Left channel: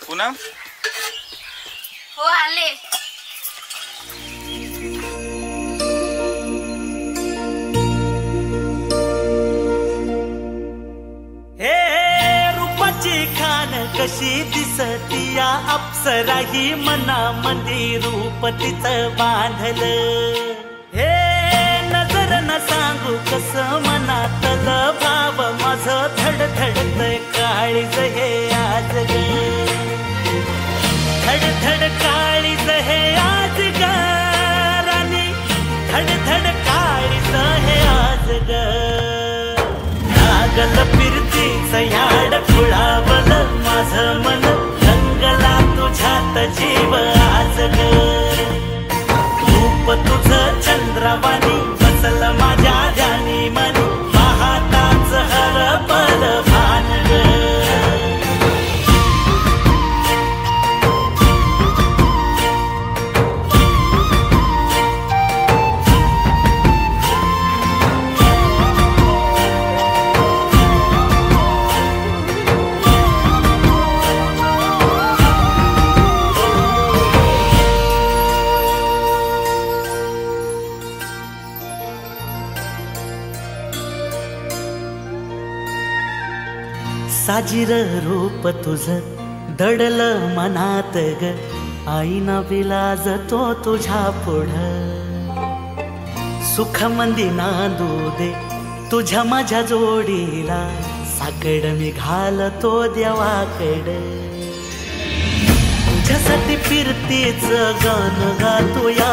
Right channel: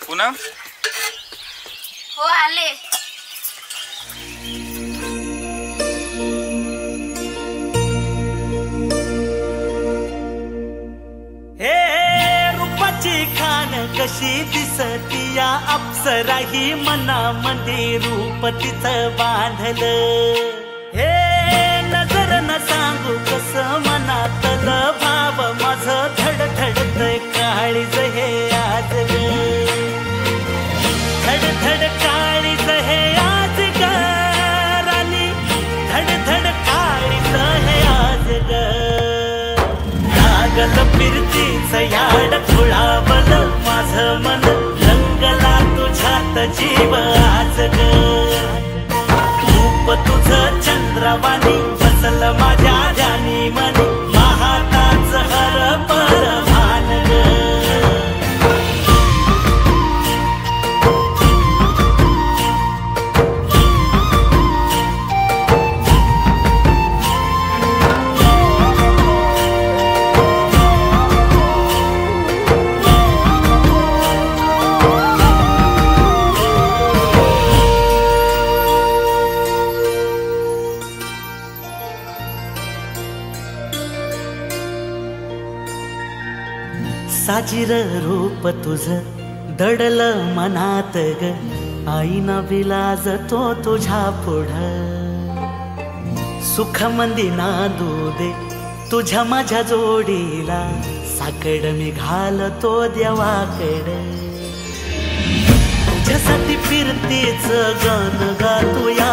पूनम हो आले। हे रूपाची खान कशी दिसती या अप्सरा ही मनामंदी रूप तिचं बांधलं। हे नजर न सांगू कस मनातल भाव माझं धडधडतय काळीज हे आज ग, धडधड काळीज हे आज ग राणी, धडधड काळीज हे आज ग। लागल फिरतीच याड खुळावल माझं मन, रंगला तुझ्यात जीव आज ग। रूप तुझं चंद्रवाणी बसल माझ्या ध्यानी मनी, पाहताच हरपल भान ग। साजिर रूप तुझं दडल मनात ग, आईना विलाज तो तुझ्या पुढं। सुख मंदी नांदू दे तुझ्या माझ्या जोडीला, साकड मी घालतो देवाकड। तुझ्यासाठी फिरतीच गान गातोया,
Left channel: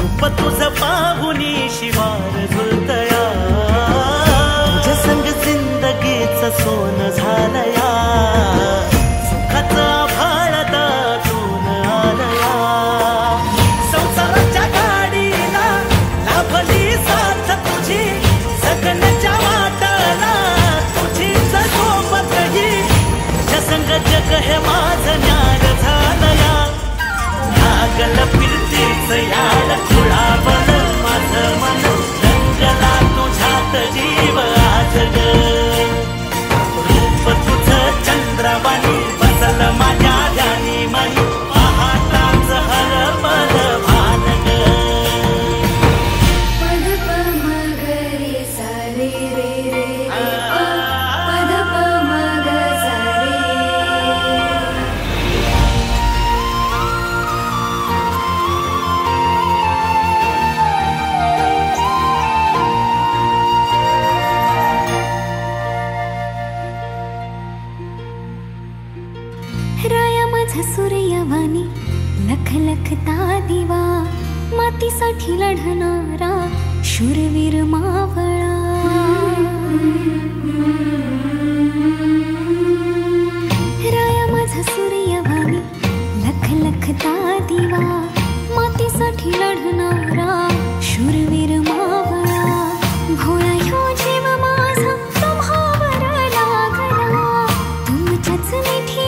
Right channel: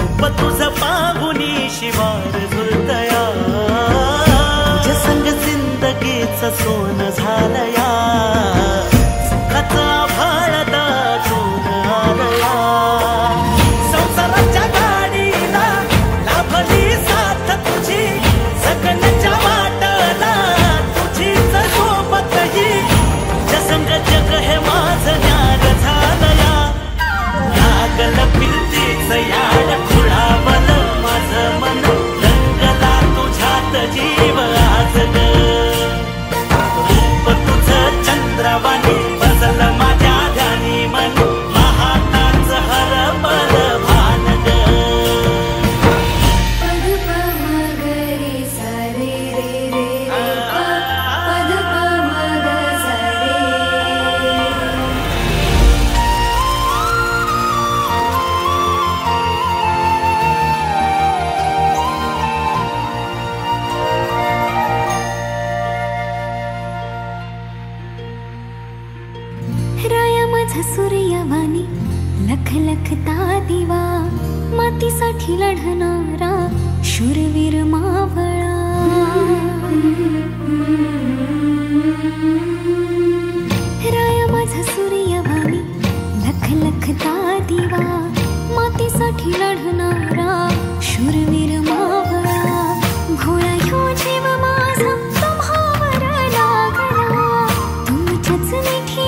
रूप तुझं पाहुनी शिवार झुलतया। तुझ्या संग जिंदगीच सोन झालया, सुखाचं आभाळ दाटून आलया। संसाराच्या गाडीला लाभली साथ तुझी, सगळ्यांच्या वाटला तुझीच सोबत ही। तुझ्या संग जग हे माझं न्यार झालया, लागल फिरतीच याड खुळावल माझं मन, रंगला तुझ्यात जीव आज ग। रूप तुझं चंद्रवाणी बसल माझ्या ध्यानी मनी, पाहताच हरपल भान ग। पद प म ग रे सा रे रे रे रे प, पद प म ग सा रे। राया माझा सूर्यवाणी लख लखता दिवा, मातीसाठी लढणारा शूरवीर मावळा। राया माझा सूर्यवाणी लख लखता दिवा, मातीसाठी लढणारा शूरवीर मावळा। भोळा ह्यो जीव माझा तुम्हावर लागला, तुमच्याच मिठी